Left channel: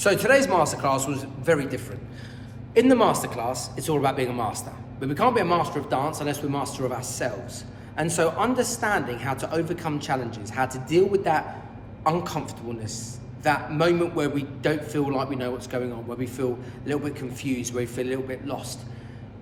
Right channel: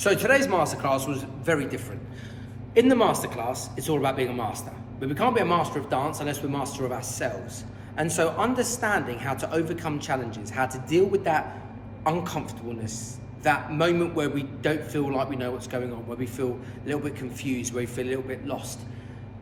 So today's masterclass was very different. In the masterclass, it's all about being a master. But we can't be a master of dance unless we're master of ourselves. And so understanding how to overcome challenges, how to deal with that uncomfortableness, that moment where we don't feel like we know what's going on, where we feel a little bit confused, where we feel a little bit lost.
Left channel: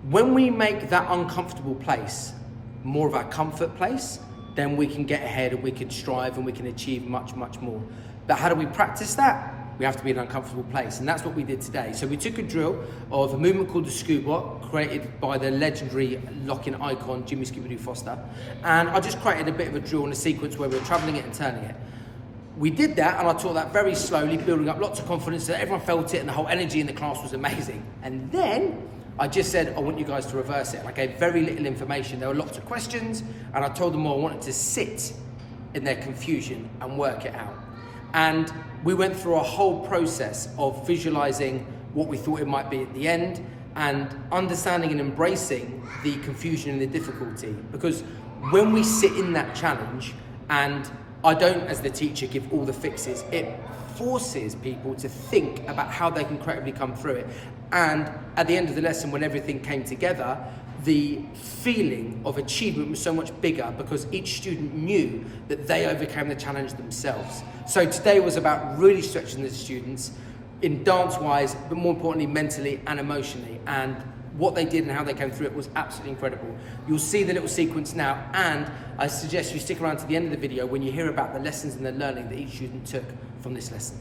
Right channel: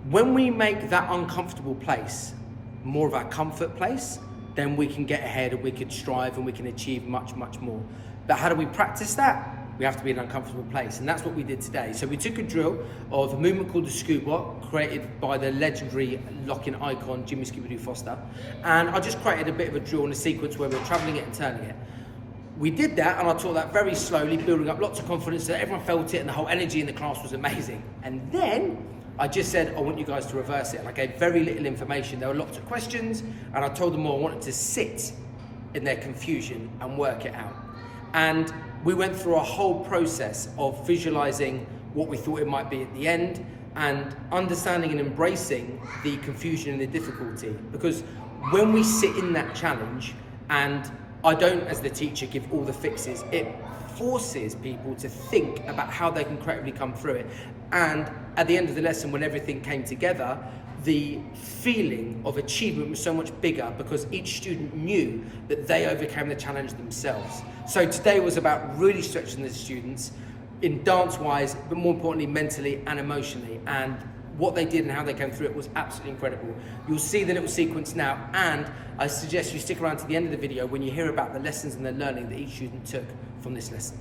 When we make that uncomfortable place more of our comfort place, then we can get ahead and we can strive and we can achieve much, much more. But how do we practice that? We have to be in an uncomfortable place, and that's what we did today. So we took a drill of a movement called the scuba, created by the legendary lock-in icon, Jimmy Scooby-Doo Foster, and I just created a bit of a drill and a sequence where we were traveling it and turning it. We did that, and I taught that very slowly, building up lots of confidence so that everyone felt it, and the whole energy in the class was amazing. And then I just said, I want you guys to reverse it, and I gave very little information. There were lots of questions, and I told them all I wanted to sit in their confusion and work it out. And we went through a whole process of visualizing what we thought it might be at the end and understanding and embracing the confusion and the difficulty. Because when we sit in that challenge, and I don't, as the teacher, give all the fixes, it forces people to think about how they can creatively come through it. And at the end of the lesson, when everything came together, the feeling of achievement was so much bigger because each student knew that they overcame the challenge themselves. So today was about really stretching the students in dance-wise, but more importantly, mentally and emotionally. And what they did and how they came through it was absolutely incredible. You'll see the little sequence now, and I suggest you stick around to the end of the video when you hear about the lessons and the learning that each student took from this lesson.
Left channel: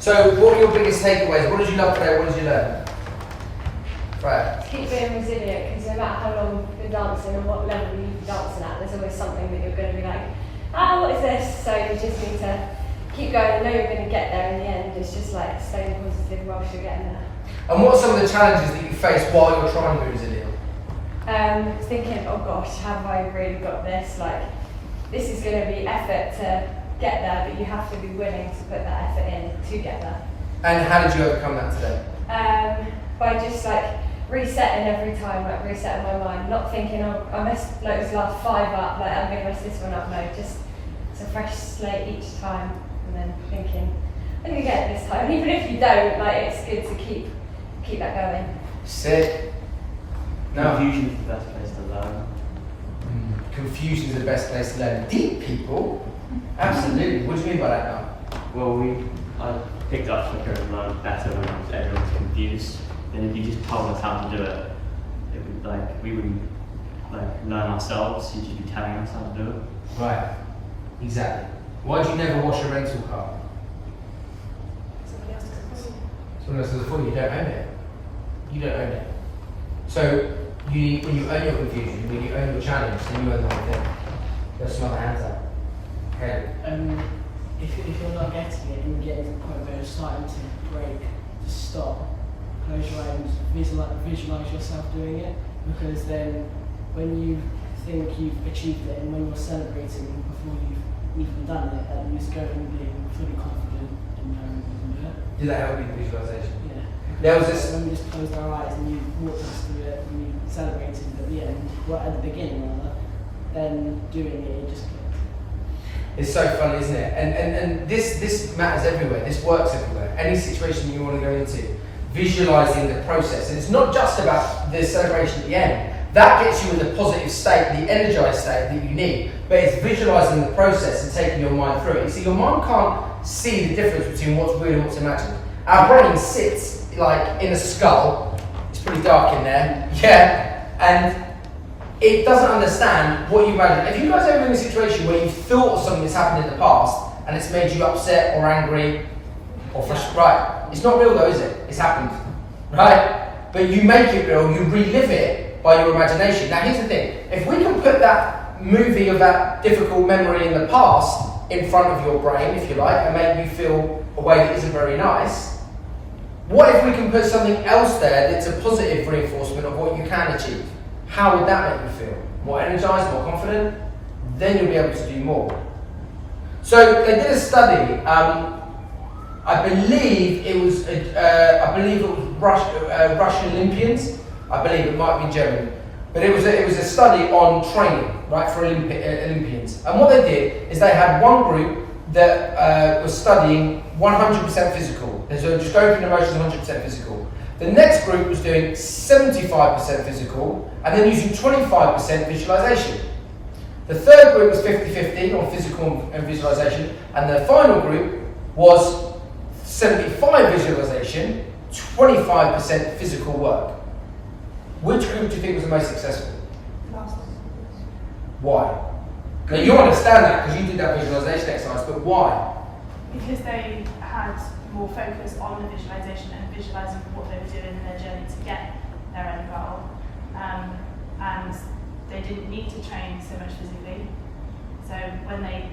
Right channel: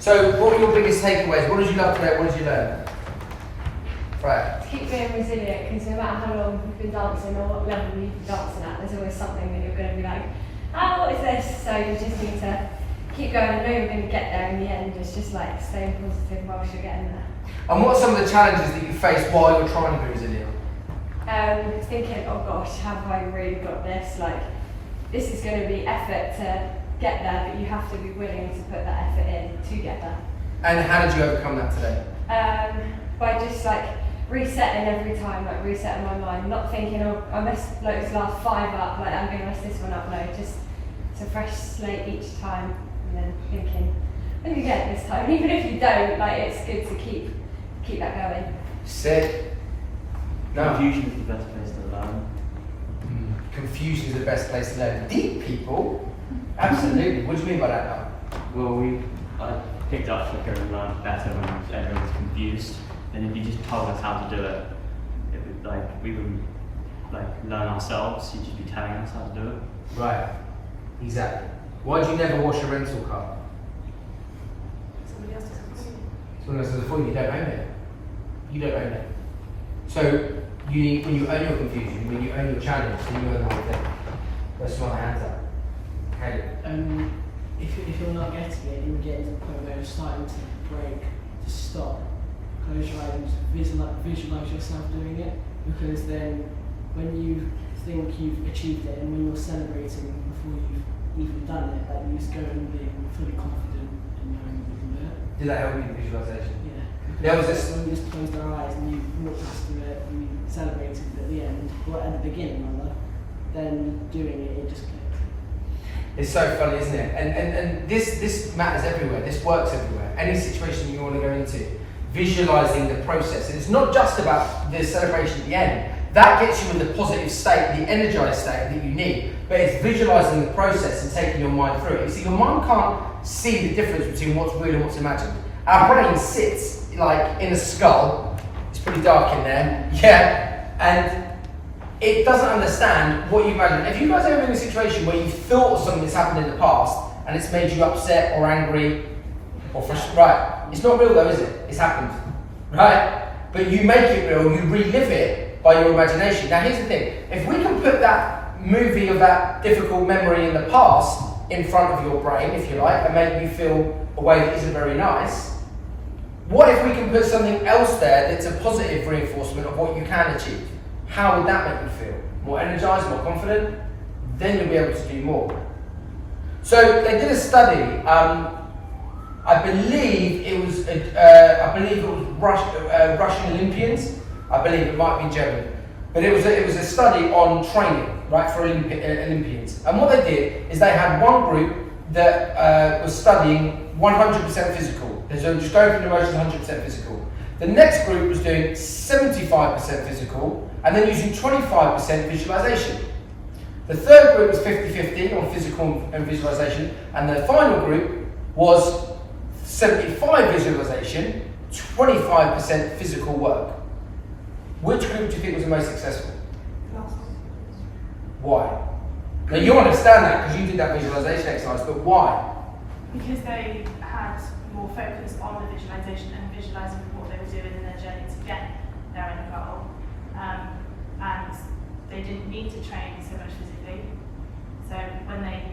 So what were your biggest takeaways? What did you love today? What did you learn? Right. Keep being resilient, because no matter how long you've been dancing or what level you've been dancing at, there's always something that you're going to be like, what is this? So you just need to keep going. I know you're going to get there in the end. It's just like staying positive whilst you're getting there. And what are some of the challenges that you faced while you're trying to be resilient? Thinking, oh gosh, have I really got this? Like, this is going to be effort to get there, but you have to be willing to put that effort in to get there. And how did you overcome that today? By just like resetting every time, like resetting my mind, not thinking, oh, I messed like this last 5 up, like I'm going to mess this one up. No, just it's a fresh slate each time, and then thinking, I'm going to get it this time. Even if you don't, like it's good to keep that going. Sick. No. Confusion is the best place to learn. Confusion is the best place to learn. Deep people? Absolutely. What do you mean by that now? Well, I picked up quicker and learned better when everyone's confused. Then if you just told us how to do it, we wouldn't learn ourselves. You'd just be telling us how to do it. Right. Exactly. Why do you never wash a rental car? Someone else does it for you. You don't own it. You don't own it. So when you own your confusion, when you own your challenge, then you own the whole thing. There's some other hands up. Okay. If you're not getting it, you get to the point where you're starting to break, to stop, close your eyes, visualize yourself doing it, because then when you think you've achieved it and when you're celebrating before you've even done it, then you just go and being fully confident in knowing you can do it. Did that help you with visualization? Yeah. There was this. When we just closed our eyes and you walked us through it and you celebrated at the end, or at the beginning rather, then doing it just clicked. It's so funny, isn't it? And this matters everywhere. This works everywhere. Any situation you want to go into, visualizing the process. And it's not just about the celebration at the end. That gets you in the positive state, the energized state that you need. But it's visualizing the process and taking your mind through it. You see, your mind can't see the difference between what's real and what's imagined. Our brain sits like in a skull. It's pretty dark in there. Yeah, and it doesn't understand what you imagine. If you guys ever been in a situation where you've thought of something that's happened in the past and it's made you upset or angry or frustrated, right? It's not real though, is it? It's happened, right? But you make it real, you relive it by your imagination. Now here's the thing, if we can put that movie of that difficult memory in the past in front of your brain, if you like, and make you feel a way that isn't very nice, what if we can put something else there that's a positive reinforcement of what you can achieve? How would that make you feel? More energized, more confident? Then you'll be able to do more. So they did a study. I believe it was Russian Olympians. I believe it might be German, but it was a study on training, right, for Olympians. And what they did is they had one group that was studying 100% physical. So just going through the motions, 100% physical. The next group was doing 75% physical, and then using 25% visualization. The third group was 50-50 on physical and visualization, and the final group was 75 visualization, 25% physical work. Which group do you think was the most successful? Why? Now you understand that because you did that visualization exercise, but why? Because they had more focus on the visualization and visualizing what they were doing in their journey to get their own goal. And they didn't need to train so much physically. So when they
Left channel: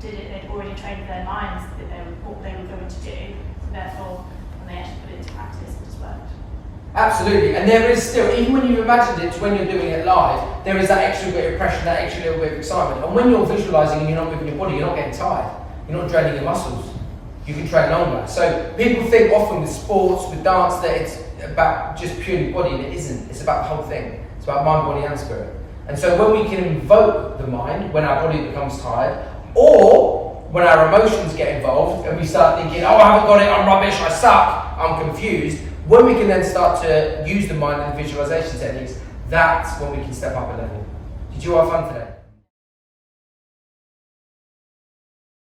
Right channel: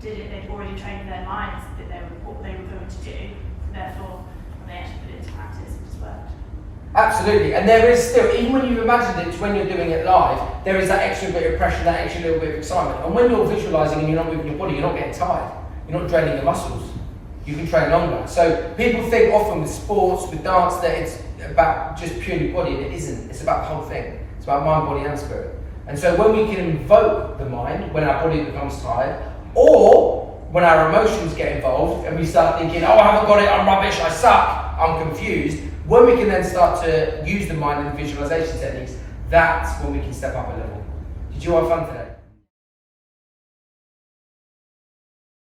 did it, they'd already trained their minds that what they were going to do. Therefore, when they actually put it into practice, it just worked. Absolutely, and there is still, even when you've imagined it, when you're doing it live, there is that extra bit of pressure, that extra little bit of excitement. And when you're visualizing and you're not moving your body, you're not getting tired. You're not draining your muscles. You can train longer. So people think often with sports, with dance, that it's about just purely body, and it isn't. It's about the whole thing. It's about mind, body, and spirit. And so when we can invoke the mind, when our body becomes tired, or when our emotions get involved and we start thinking, oh, I haven't got it, I'm rubbish, I suck, I'm confused, when we can then start to use the mind and visualization techniques, that's when we can step up a level. Did you have fun today?